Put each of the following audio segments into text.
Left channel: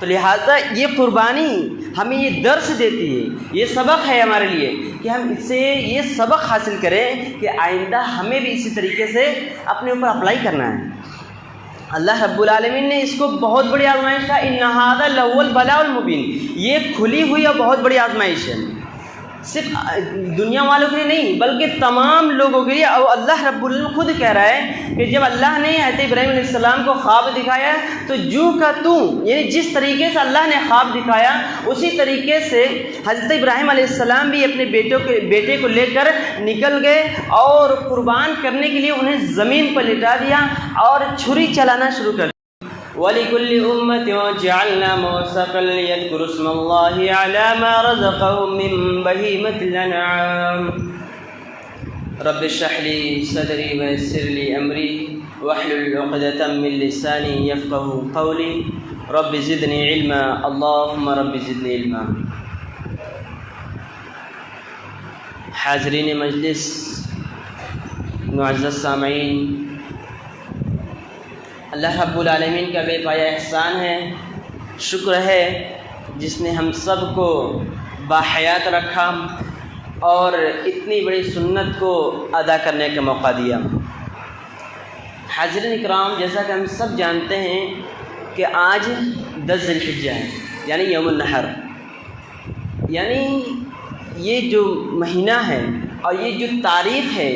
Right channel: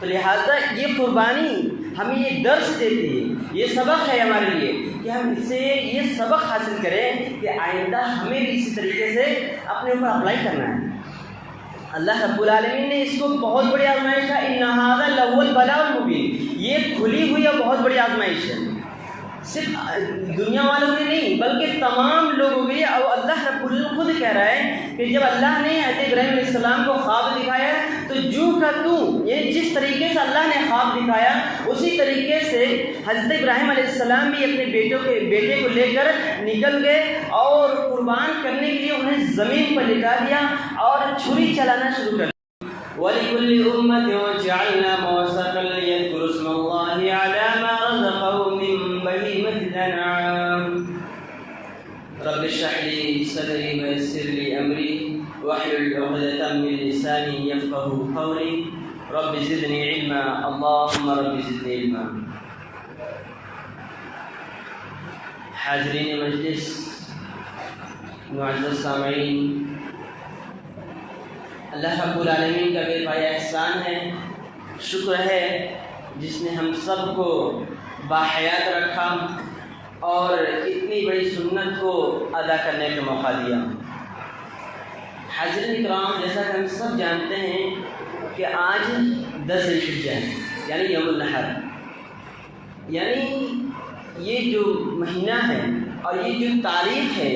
تو لہٰذا یہ قربانی ہمیں یہ درس دیتی ہے، یہ سبق ہے ہمارے لیے کہ ہم اس سے یہ سبق حاصل کریں کہ آئندہ ہمیں بھی اسی طریقے سے اپنے اوپر اپلائی کرنا ہے۔ اللہ رب العالمین نے اس کو بہت بڑی آزمائش کہا، ان ھذا لہو البلاء المبین، یہ کھلی ہوئی اور بہت بڑی آزمائش ہے، صرف دنیا والوں کے لیے نہیں بلکہ تمام لوگوں کے لیے۔ اور اللہ رب العالمین خود کہہ رہا ہے کہ جب اللہ نے حضرت ابراہیم علیہ السلام کو خواب دکھایا تو جو کا تو، یعنی جس طریقے سے اللہ نے خواب دکھایا اسی طریقے سے حضرت ابراہیم علیہ السلام بھی اپنے بیٹے کو لے کر نکل گئے اور قربان کرنے کے لیے انہیں زمین پر لٹا دیا اور چھری چلانا شروع کر دیا۔ وَلِكُلِّ أُمَّةٍ جَعَلْنَا مَنسَكًا لِيَذْكُرُوا اسْمَ اللَّهِ عَلَى مَا رَزَقَهُم مِّن بَهِيمَةِ الْأَنْعَامِ رَبِّ اشْرَحْ لِي صَدْرِي وَيَسِّرْ لِي أَمْرِي وَاحْلُلْ عُقْدَةً مِّن لِّسَانِي يَفْقَهُوا قَوْلِي رَبِّ زِدْنِي عِلْمًا اللهم رَبِّ زِدْنِي عِلْمًا۔ حاضرین مجلس، معزز سامعین، اللہ رب العالمین کا بے پایا احسان ہے، شکر ہے جس نے ہم سب کو باحیات رکھا اور اتنی بڑی سنت کو ادا کرنے کا موقع دیا۔ حاضرین اکرام، جیسا کہ ہم سب جانتے ہیں کہ آج 10 ذی الحجہ ہے، یعنی یوم النحر، یعنی یہ جو مہینہ ہے اور یہ جو تاریخ ہے،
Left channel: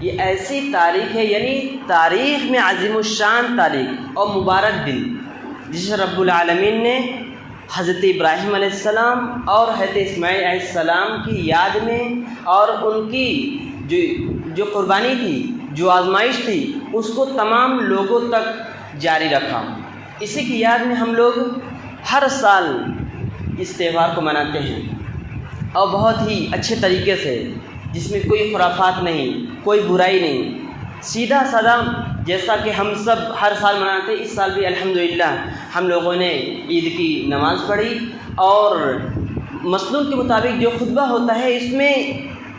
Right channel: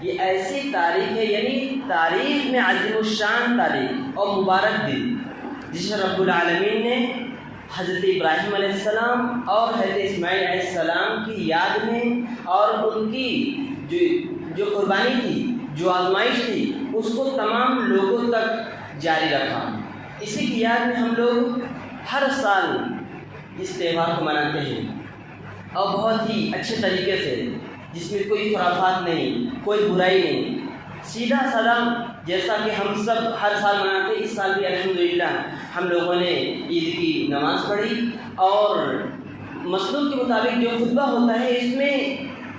یہ ایسی تاریخ ہے، یعنی تاریخ میں عظیم الشان تاریخ اور مبارک دن، جس رب العالمین نے حضرت ابراہیم علیہ السلام اور حضرت اسماعیل علیہ السلام کی یاد میں اور ان کی جو قربانی تھی، جو آزمائش تھی، اس کو تمام لوگوں تک جاری رکھا۔ اسی کی یاد میں ہم لوگ ہر سال اس تہوار کو مناتے ہیں اور بہت ہی اچھے طریقے سے، جس میں کوئی خرافات نہیں، کوئی برائی نہیں، سیدھا سادہ جیسا کہ ہم سب ہر سال مناتے ہیں۔ اس سال بھی الحمدللہ ہم لوگوں نے عید کی نماز پڑھی اور مسنون کے مطابق جو خطبہ ہوتا ہے اس میں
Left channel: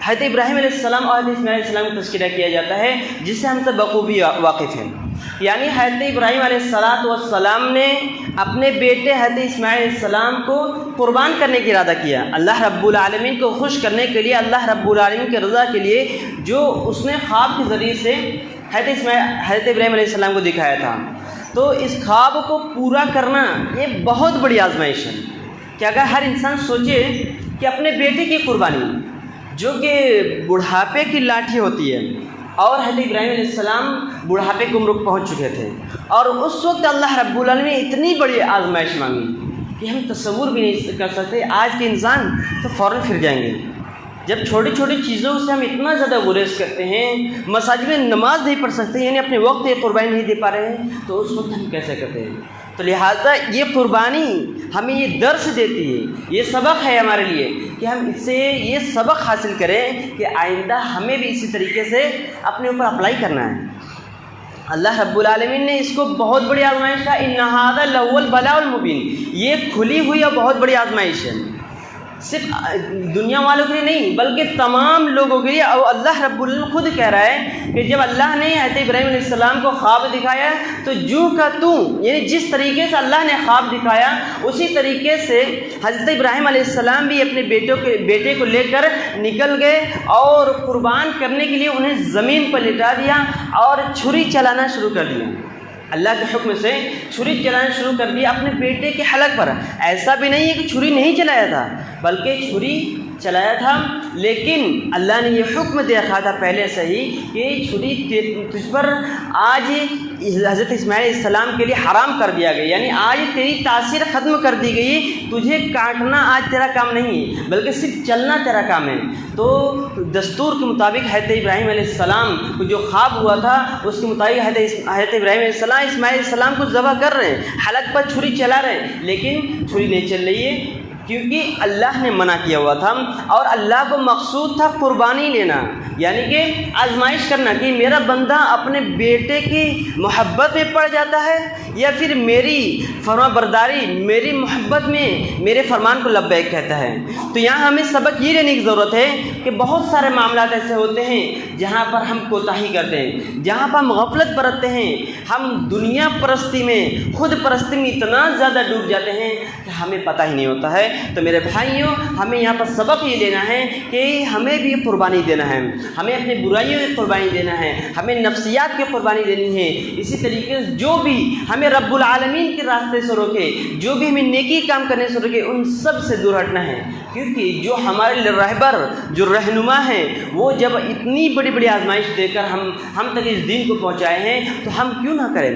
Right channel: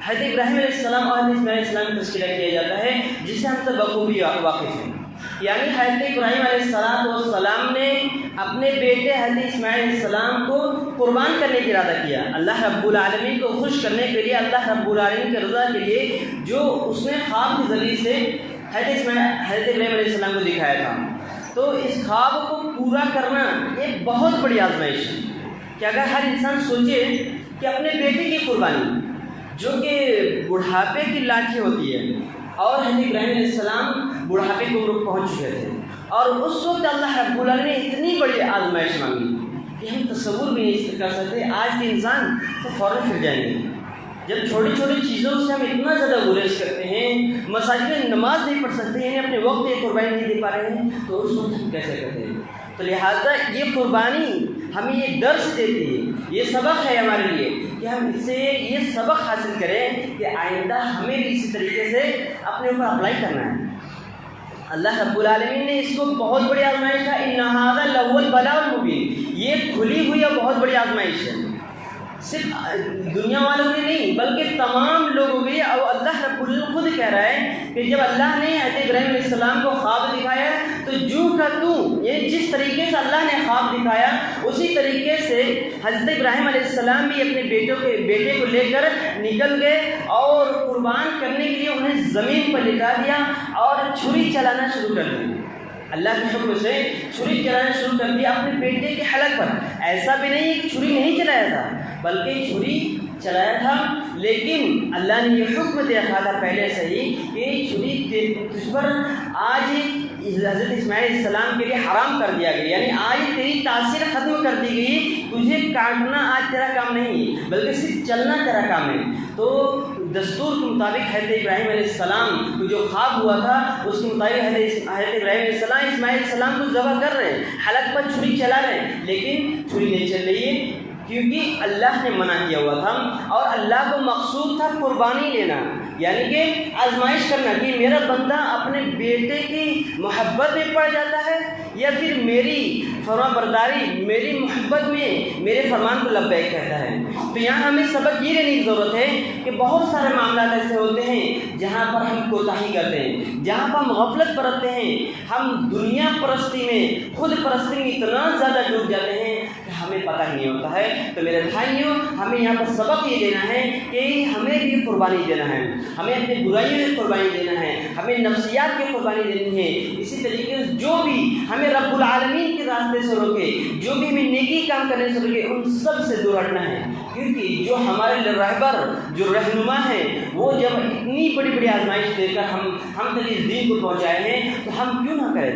حضرت ابراہیم علیہ السلام اور حضرت اسماعیل علیہ السلام کا تذکرہ کیا جاتا ہے، جس سے ہم سب بخوبی واقف ہیں۔ یعنی حضرت ابراہیم علیہ السلام نے اپنے بیٹے حضرت اسماعیل علیہ السلام کو قربان کرنے کی ارادہ کیا، اللہ رب العالمین کو خوش کرنے کے لیے، اللہ رب العالمین کی رضا کے لیے، جو اس نے خواب کے ذریعے سے حضرت ابراہیم علیہ السلام کو دکھایا تھا۔ تو اس خواب کو پورا کرنا یہ بہت بڑی آزمائش ہے کہ اگر ہر انسان سوچے کہ اپنے بیٹے کی قربانی، جو کہ بڑھاپے کی لاٹھی ہوتی ہے، اور حضرت ابراہیم علیہ السلام بڑھاپے کی عمر کو پہنچ چکے تھے، اور اس وقت اللہ رب العالمین نے اتنی بڑی آزمائش مانگی کہ ہم تصور بھی نہیں کر سکتے۔ آج کے انسان تو فوراً پھر جائیں گے، جب چھوٹی چھوٹی چیزوں سے ہم اتنا زیادہ گریز کرتے ہیں، مساجد میں نماز نہیں پڑھ سکتے، یعنی اپنے وقت یہ قربانی نہیں دے پا رہے ہیں، تو اس وقت ہم کیسے کرتے ہیں؟ تو لہٰذا یہ قربانی ہمیں یہ درس دیتی ہے، یہ سبق ہے ہمارے لیے کہ ہم اس سے یہ سبق حاصل کریں کہ آئندہ ہمیں بھی اسی طریقے سے اپنے اوپر اپلائی کرنا ہے۔ اللہ رب العالمین نے اس کو بہت بڑی آزمائش کہا، ان ھذا لہو البلاء المبین، یہ کھلی ہوئی اور بہت بڑی آزمائش ہے، صرف دنیا والوں کے لیے نہیں بلکہ تمام لوگوں کے لیے۔ اور اللہ رب العالمین خود کہہ رہا ہے کہ جب اللہ نے حضرت ابراہیم علیہ السلام کو خواب دکھایا تو جو کا تو، یعنی جس طریقے سے اللہ نے خواب دکھایا اسی طریقے سے حضرت ابراہیم علیہ السلام بھی اپنے بیٹے کو لے کر نکل گئے اور قربان کرنے کے لیے انہیں زمین پر لٹا دیا اور چھری چلانا شروع کر دیا۔ اللہ کے حکم سے چھری چلانا شروع کر دیا اپنے بیٹے کے حلق پر۔ ایسا بھی نہیں ہے کہ چھری نہیں چلایا تھا، بلکہ چھری چلایا تھا، لیکن اللہ نے یہ حکم دے رکھا تھا پہلے سے ہی کہ چھری تجھ پر آج حضرت اسماعیل علیہ السلام کے لیے حرام کر دیا گیا، یعنی آج تیری تاثیر ختم کر دی گئی، تجھے کاٹنا آج تیرا کام نہیں بلکہ صرف چلنا تیرا کام ہے۔ تو دستور کے مطابق حضرت ابراہیم علیہ السلام کو جو خواب ہوا تھا اس کے مطابق حضرت ابراہیم علیہ السلام اسماعیل علیہ السلام کو ذبح کر رہے ہیں، حلق پر چھری چلا رہے ہیں، لیکن چھری نہیں چل رہی ہے کیونکہ اللہ نے منع کیا ہوا تھا، اور اللہ کو مقصود تھا قربانی لینا، یعنی کہ آزمائش کرنا کہ میرا بندہ اپنے بیٹے کی محبت میں پڑ جاتا ہے یا پھر میری فرما برداری، میری محبت میں میرے فرمان کو لبیک کہتا ہے۔ تو یہاں ہمیں سبق یہ لینے کی ضرورت ہے کہ بہت سارے معاملات ایسے ہوتے ہیں جہاں پر ہم کوتاہی کرتے ہیں، جہاں پر ہم غفلت برتتے ہیں، ہم دنیا پرستی میں، خود پرستی میں اتنا زیادہ ڈوب جاتے ہیں ہمیں پتہ ہی نہیں ہوتا ہے۔ تو میرے بھائیوں، ہمیں یہاں پر سبق یہ لینا ہے کہ ہمیں بھی قربانی دینا ہے، ہمیں اپنی برائیوں کی قربانی دینا ہے، ہمیں نفسیات کی قربانی دینی ہے۔ اسی طریقے سے جو بھی ہمیں رب العالمین کے راستے سے روکے، جو بھی ہمیں نیکی کام کرنے سے روکے، ان سب سے دور ہٹنا ہے، کیونکہ جو ہمارے رہبر، جو رہنما ہیں، وہ جب اتنی بڑی بڑی آزمائش دے کر ہم تک اس دین کو پہنچائے ہیں تو ہم کیوں نہ کریں۔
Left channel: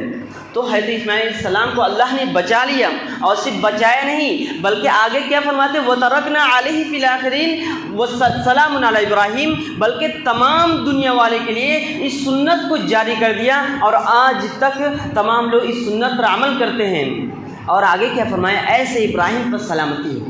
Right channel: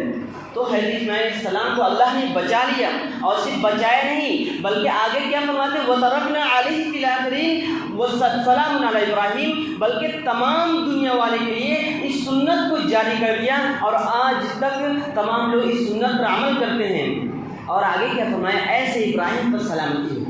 تو حضرت اسماعیل علیہ السلام کو اللہ نے بچا لیا، اور صرف بچایا نہیں بلکہ آگے کیا فرماتے ہیں، وَتَرَكْنَا عَلَيْهِ فِي الْآخِرِينَ وَسَلَامٌ عَلَىٰ إِبْرَاهِيمَ، بلکہ تمام دنیا والے کے لیے اس سنت کو جاری کر دیا، اور آج تک تمام لوگ اس سنت پر عمل کرتے ہیں۔ اور آگے کیا فرمایا، ایسے ابراہیم پر سلامتی ہو،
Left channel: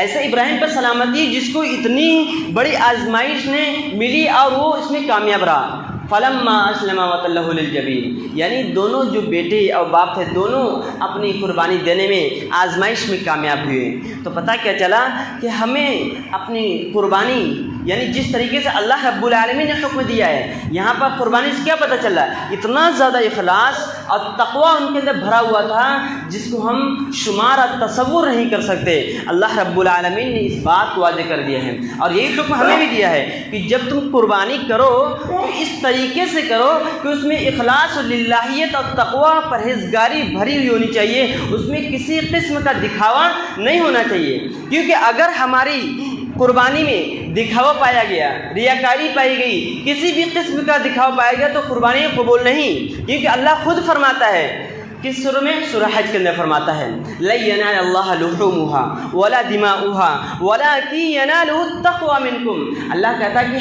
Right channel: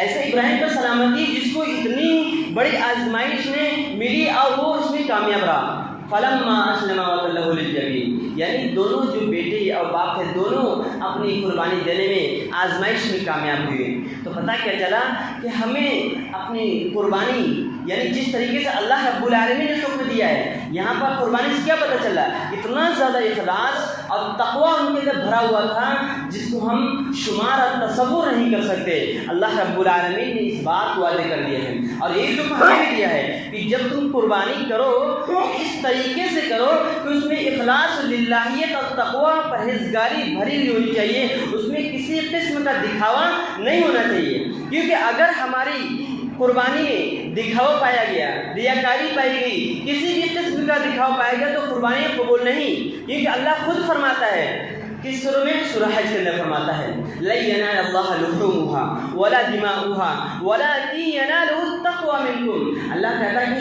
ایسے ابراہیم پر سلامتی جس کو اتنی بڑی آزمائش نے ملی اور وہ اس میں کامیاب رہا۔ فَلَمَّا أَسْلَمَا وَتَلَّهُ لِلْجَبِينِ، یعنی دونوں جو بیٹے اور باپ تھے، دونوں اپنی قربانی دینے میں آزمائش میں کامیاب ہوئے۔ تو پتہ کیا چلا کہ ہمیں اپنی قربانی، یعنی جس طریقے سے اللہ رب العالمین نے حکم دیا ہے، یہاں پر قربانی سے کیا پتہ چلا، اتنا زیادہ اخلاص اور تقویٰ ان کے اندر بھرا ہوا تھا جس کو ہم شمار اور تصور نہیں کر سکتے۔ اللہ رب العالمین نے اس بات کو واضح کر دیا ہے، اور یہی حکم ہمیں بھی دیا ہے کہ جب تم قربانی کرو تو اس طریقے سے کرو کہ اس میں اخلاص و للہیت اور تقویٰ پرہیزگاری بھری ہوئی ہونی چاہیے، اس میں کسی قسم کا دکھاوا نہیں ہونا چاہیے، کیونکہ اگر ہماری قربانی میں دکھاوا پایا گیا، ریاکاری پائی گئی، کسی بھی قسم کا دکھاوا پایا گیا تو قربانی قبول نہیں، کیونکہ اللہ خود فرماتا ہے، کس سورہ میں، سورہ حج کے اندر فرماتا ہے، لَن يَنَالَ اللَّهَ لُحُومُهَا وَلَا دِمَاؤُهَا وَلَٰكِن يَنَالُهُ التَّقْوَىٰ مِنكُمْ۔ اللہ کہتا ہے کہ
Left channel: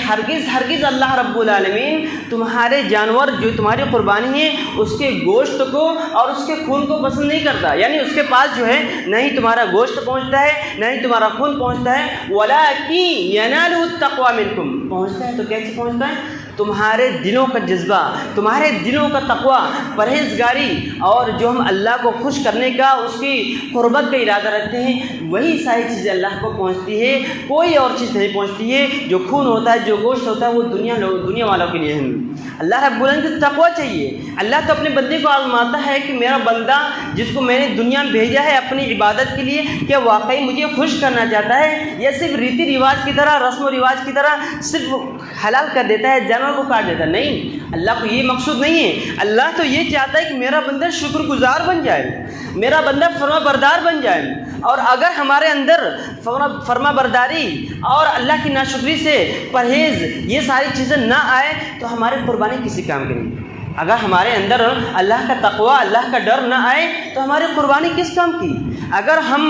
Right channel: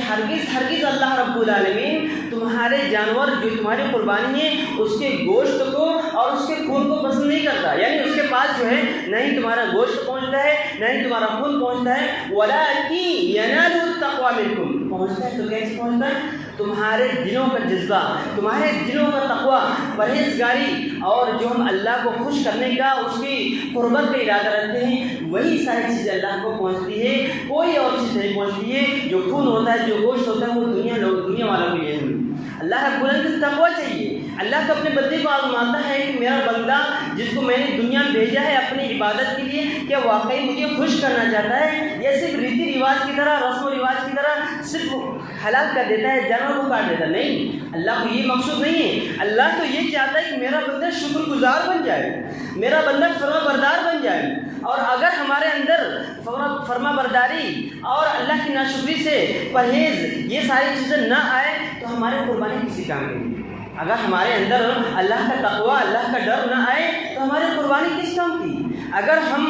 ہرگز اللہ رب العالمین تمہارے جانور جو تمہاری قربانی ہے اس کے گوشت کو اور اس کے خون کو پسند نہیں کرتا، یعنی اس کے پاس جو ہے نہیں تمہارا گوشت پہنچتا ہے، نہیں تمہارا خون پہنچتا ہے، وَلَٰكِن يَنَالُهُ التَّقْوَىٰ مِنكُمْ، پہنچتا ہے تو کیسے پہنچتا ہے، تمہارے دلوں کا جذبہ، تمہارے دلوں کا تقویٰ، پرہیزگاری، اور جو ہم اللہ کو خوش کرنے کا، اس کی قربت کا ارادہ رکھتے ہیں، وہی ساری چیزیں اللہ کو پہنچتی ہے، کوئی اور چیز نہیں پہنچتی ہے۔ جو خون ہوتا ہے، جو گوشت ہوتا ہے، وہ دنیا والوں کے لیے ہے۔ اللہ رب العالمین کو تقویٰ چاہیے۔ اللہ تو اپنے بندے کو آزماتا ہے کہ میرا بندہ جس کو میں نے دنیا میں بھیجا ہے اپنی عبادت کے لیے، کیا واقعی مجھے خوش کرنا چاہتا ہے، یا صرف ریتی رواج کی طرح، رسم و رواج کی طرح صرف حلال کر دیتا ہے، جانور کو کاٹ دیتا ہے۔ نہیں، اللہ کو یہ مقصود نہیں ہے۔ اللہ تو یہ چاہتا ہے کہ میرا بندہ شکر گزار بن جائے، میرا بندہ فرما بردار بن جائے، اور اگر ہمارے اندر فرما برداری اور اللہ کی ناشکری سے پرہیز یہ ساری چیزیں نہ آئے تو ہماری قربانی کسی کام کی نہیں۔ اگر ہمارے اندر اللہ کا تقویٰ، اللہ کا ڈر نہ آئے تو ہماری قربانی کس کام کی؟ اگر ہم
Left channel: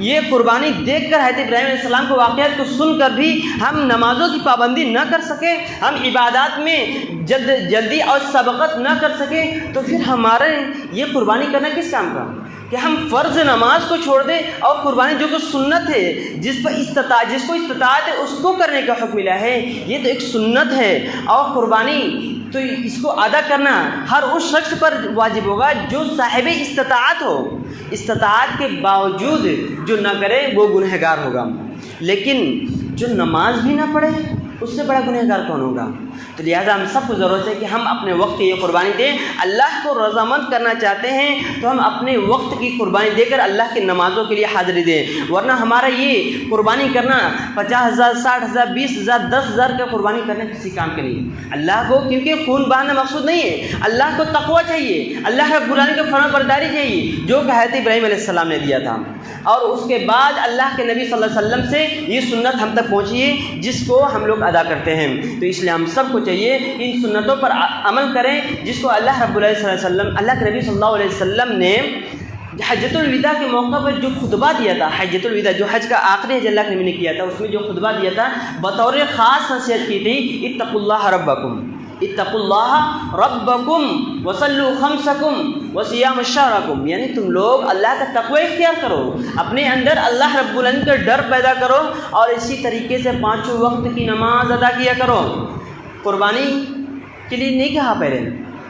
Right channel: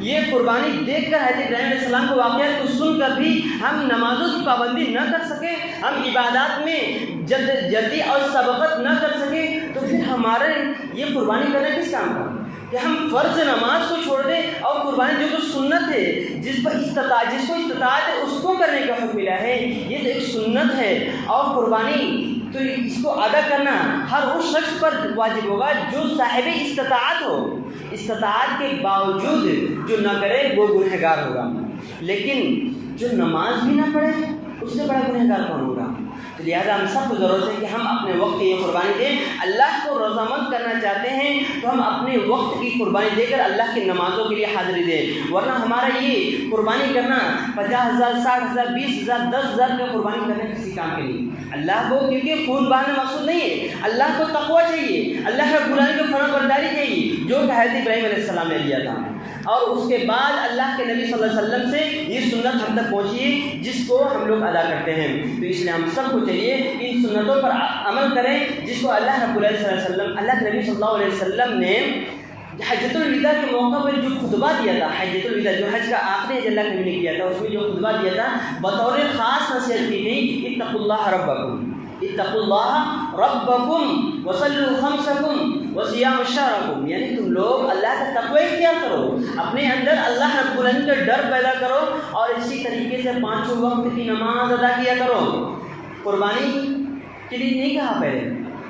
یہ قربانی دیکھ کر حضرت ابراہیم علیہ السلام کو واقعات کو سن کر بھی ہم نمازوں کی پابندی نہ کر سکے، ہم عبادات میں جلدی اور سبقت نہ کر سکے، تو پھر ہمارے یہ قربانی کرنا کس کام کا؟ کہ ہم فرض نماز کو چھوڑ دیں اور قربانی جو کچھ سنت ہے، جس کو استطاعت ہے اس کو کرنے کا حکم ملا ہے، یہ تو ایک سنت ہے، اور قربانی تو اس کو ادا کرنا ہر اس شخص پر واجب ہوگا جو صاحب استطاعت ہو۔ استطاعت کے باوجود جو نہ کرے وہ گنہگار ہوگا، لیکن جو نماز بھی نہ پڑھے اس سے بڑا گنہگار کون ہوگا؟ تو لہٰذا ہم سب کو ضرورت ہے کہ ہم اپنے وقت کی یہ قربانی دیں۔ اللہ کو رضامند کرنا چاہتے ہیں تو ہم اپنے وقت کی قربانی دے کر اللہ کی نمازوں کے لیے حاضری دیں، ورنہ ہمارا یہ قربانی کرنا 50,000 60,000 20,000 10,000 کا قربانی کرنا کسی کام کے نہیں۔ اللہ کو کیونکہ خون بہانا مقصود نہیں ہے، اللہ کو تقویٰ چاہیے، اللہ کے قرآن کی فرمان برداری چاہیے، جو کہ حضرت ابراہیم علیہ السلام نے دیا تھا، اور اس کے بعد اللہ کے نبی صلی اللہ علیہ وسلم سے یہ سنت ہم تک پہنچی ہے جس کو ہم لوگ ادا کرتے ہیں۔ تو اس لیے ہم سب کو چاہیے ان سنتوں پر عمل کریں جس کو اللہ رب العالمین صلی اللہ علیہ وسلم، اللہ کے نبی صلی اللہ علیہ وسلم نے حجۃ الوداع کے موقع پر جو خطبہ دیا تھا، حجۃ الوداع جو حج کا آخری حج اللہ کے نبی نے کیا تھا، اس میں جو خطبہ دیا تھا بطور خاص نصیحت کی تھی، اتقوا اللہ ربکم، اتقوا اللہ ربکم وصلوا خمسکم وصیام شہرکم، یعنی تم لوگ اللہ کا تقوی اختیار کرو، اپنے اندر اللہ رب العالمین کا ڈر پیدا کرو، اور اسی طریقے سے 5 وقت کی نماز ادا کیا کرو۔ قربانی کے لیے نہیں کہا،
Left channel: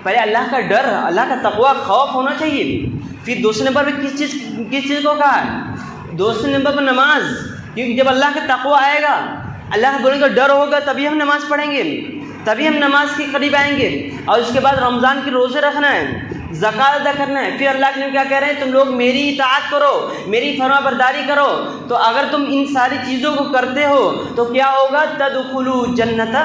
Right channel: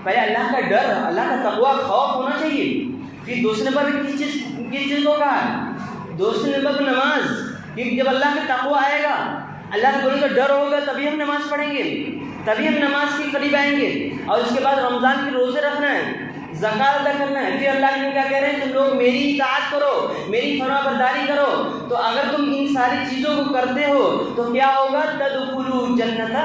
پہلے اللہ کا ڈر، اللہ کا تقوی، خوف ہونا چاہیے۔ پھر دوسرے نمبر پہ کس چیز کو کہا ہے؟ دوسرے نمبر پر نماز، کیونکہ جب اللہ کا تقوی آئے گا، اللہ کے کا ڈر ہوگا، تبھی ہم نماز پڑھیں گے، تبھی ہم نماز کے قریب آئیں گے۔ اور اس کے بعد رمضان کے روزے رکھنا ہے، زکات ادا کرنا ہے. پھر اللہ کے نبی کیا کہہ رہے ہیں؟ تم لوگ میری اطاعت کرو, میری فرما برداری کرو. تو اگر تم ان ساری چیزوں کو کرتے ہو تو کیا ہوگا؟ تدخلوا جنت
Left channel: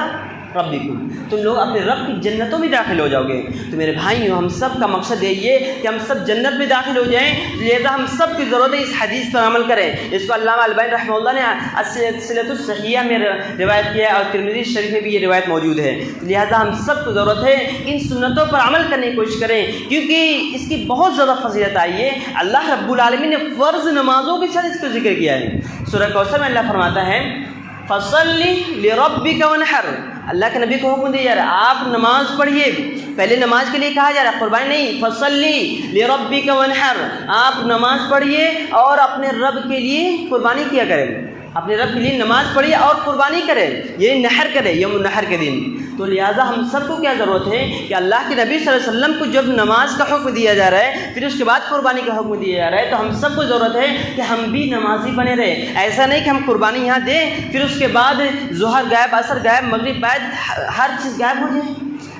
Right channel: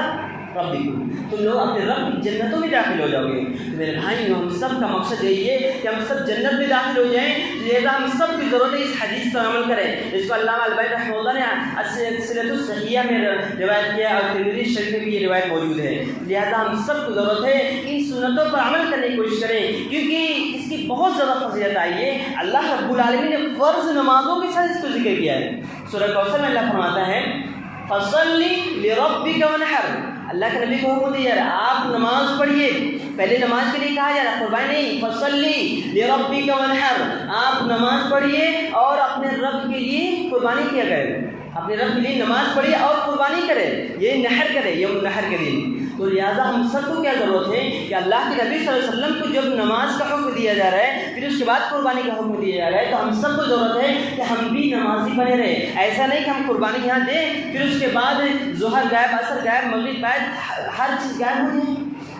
ربکم, تم لوگ اپنے رب کی جنتوں میں داخل ہو جاؤ گے. تو میرے بھائیوں, ہم سب کا مقصد یہی ہے کہ ہم سب جنت میں داخل ہو جائیں. لہذا ہم سب کی ضرورت ہے اس حدیث پر عمل کریں. اس کو علامہ البانی رحمہ اللہ نے السلسلۃ الصحیحہ میں روایت کیا اور ترمذی شریف میں بھی یہ روایت موجود ہے. لہذا ہم سب کو ضرورت ہے ان سنتوں پر عمل کرنے کی کوشش کریں, کیونکہ اس کی بہت زیادہ فضیلت آئی ہے. اللہ رب العالمین نے فرض نمازوں کے ساتھ اس کو ذکر کیا ہے. سورہ کوثر میں اللہ فرماتا ہے فصل لربک وانحر. اللہ کے نبی کو حکم دیا جا رہا ہے آپ نماز پڑھیے. پہلے نماز کے لیے کہا جا رہا ہے, قربانی نہیں. فصلی لربک وانحر, آپ نماز پڑھیے اور اپنے رب کے لیے قربانی کیا کریں. اپنے رب کے لیے نماز پڑھیے اور قربانی کرے, یہ نحر کرے یوم النحر کے دن. تو لہٰذا ہم سب کو کیا ضرورت ہے کہ اللہ کے نبی صلی اللہ علیہ وسلم کو جب نماز کا حکم دیا جا رہا ہے, پھر اس کے بعد قربانی کا حکم دیا جا رہا ہے, تو ہم سب کو ضرورت ہے کہ ہم بھی نمازی بنے رہے. ایسا نہیں کہ ہم قربانی یہاں دیں, پھر اس کے بعد ظہر غائب, عصر غائب, مغرب غائب, ہر چیز غائب ہو جائے.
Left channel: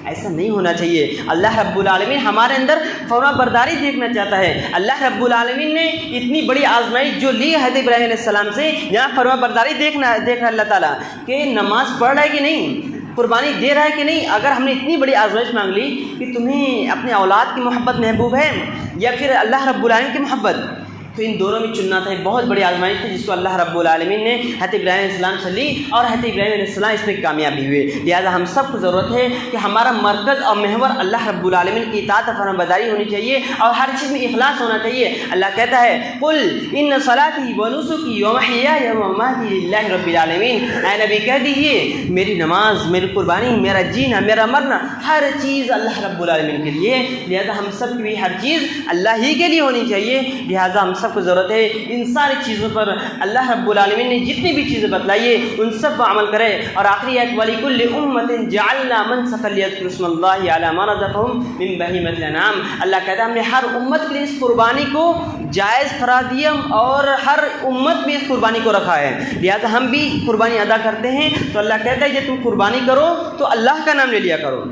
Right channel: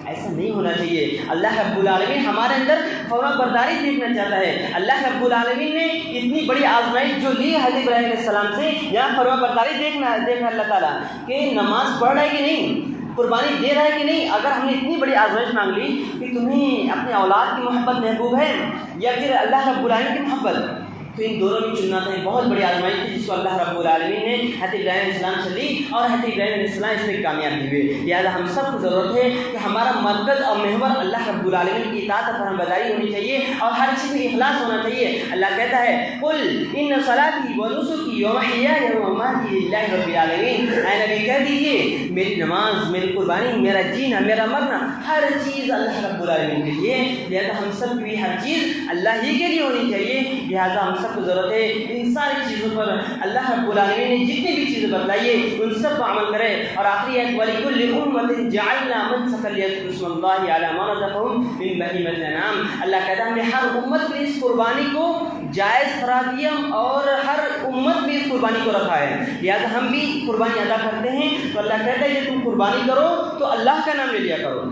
ایسا نہیں ہونا چاہیے. اللہ رب العالمین ہمارے اندر فرما برداری دیکھنا چاہتا ہے. اللہ رب العالمین نے اتنی بڑی آزمائش جو لی حضرت ابراہیم علیہ السلام سے, یہاں فرما برداری دیکھنا اللہ تعالیٰ کہ نماز پڑھ رہا ہے کہ نہیں, قربانی دے رہا ہے کہ نہیں. اگر ہم نے اتنی بڑی آزمائش مانگ لی کہ تمہیں اپنے اولاد کی محبت محبوب ہے یا پھر اللہ رب العالمین کی محبت, تو ان دونوں میں چننا تھا. ایک بہت بڑی آزمائش تھی جس کو اللہ رب العالمین نے حضرت ابراہیم علیہ السلام سے لی, اور حضرت ابراہیم علیہ السلام اس میں کامیابی ہوئے. لہٰذا ہم سب کو ضرورت ہے کہ ہمارا مرکز اور محور اللہ رب العالمین کی اطاعت اور فرمانبرداری ہونی چاہیے, اور ہر چیز میں اخلاص ہونا چاہیے. اللہ کہتا ہے قل ان صلاتی ونسکی ومحیای ومماتی للہ رب العالمین. اے نبی کہہ دیجیے میری نماز, میری قربانی, میرا جینا, میرا مرنا, ہر چیز اللہ رب العالمین کے لیے. لہٰذا ہم سب کی بھی ہر چیز اللہ ہی کے لیے ہونی چاہیے. لہٰذا ہم سب کو ضرورت ہے ان ساری چیزوں پر اللہ رب العالمین نے جتنی بھی چیزیں بتلائی ہے ان سب پر عمل کرے. اور آخری آیت وَلِكُلِّ أُمَّةٍ جَعَلْنَا مَنسَكًا لِيَذْكُرُوا اسْمَ اللَّهِ عَلَىٰ مَا رَزَقَهُم مِّن بَهِيمَةِ الْأَنْعَامِ. اللہ کہتا ہے ہم نے ہر امت کے لیے اس قربانی کو جائز قرار دیا اور ہر امت میں اس قربانی کو رکھا ہے. لہٰذا ہم بھی قربانی ادا کرتے ہیں تو اللہ کہتا ہے جب تم قربانی کرو تو اللہ کا نام لے لیا کرو.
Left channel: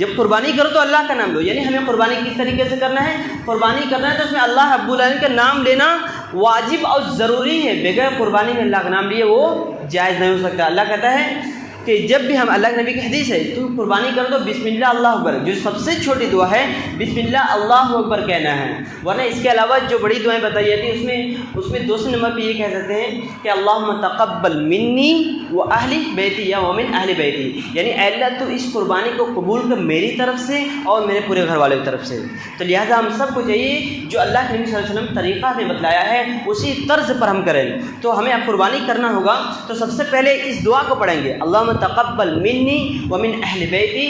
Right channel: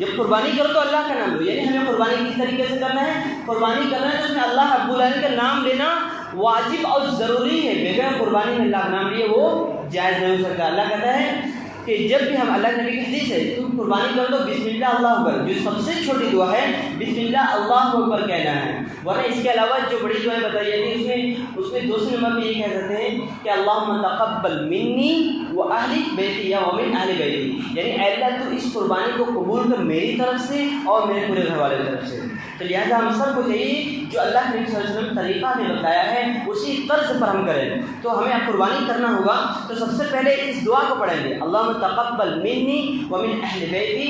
جب قربانی کرو تو اللہ کا نام لو. یعنی ہمیں قربانی کس طریقے سے کرنا ہے؟ قربانی کرنا ہے تو اس میں اللہ رب العالمین کا نام لینا واجب اور ضروری ہے. بغیر قربانی میں اللہ کا نام لیے وہ جائز نہیں ہو سکتا. اللہ کہتا ہے کہ جب بھی ہم, اللہ کے نبی کی حدیث ہے, تم قربانی کرو تو بسم اللہ اللہ اکبر, جو سب سے چھوٹی دعا ہے بسم اللہ اللہ اکبر کہنا ہے. ورنہ اس کے علاوہ جو بڑی دعائیں بتائی جاتی ہیں اس میں دوسرے نمبر پہ یہ کہہ سکتے ہیں کہ اللہم تقبل منی و اہل بیتی یا ومن اہل بیتی, یعنی اے اللہ تو اس قربانی کو قبول کر میری طرف سے اور میرے پورے گھر والوں کی طرف سے. تو لہٰذا ہم سب کو چاہیے جو اللہ کے نبی صلی اللہ علیہ وسلم طریقہ نے بتایا ہے اسی طرز پر ہم کریں. تو ہمیں اب قربانی کرنا ہوگا تو سب سے پہلے اس دعا کو پڑھیں گے, اللہم تقبل منی ومن اہل بیتی.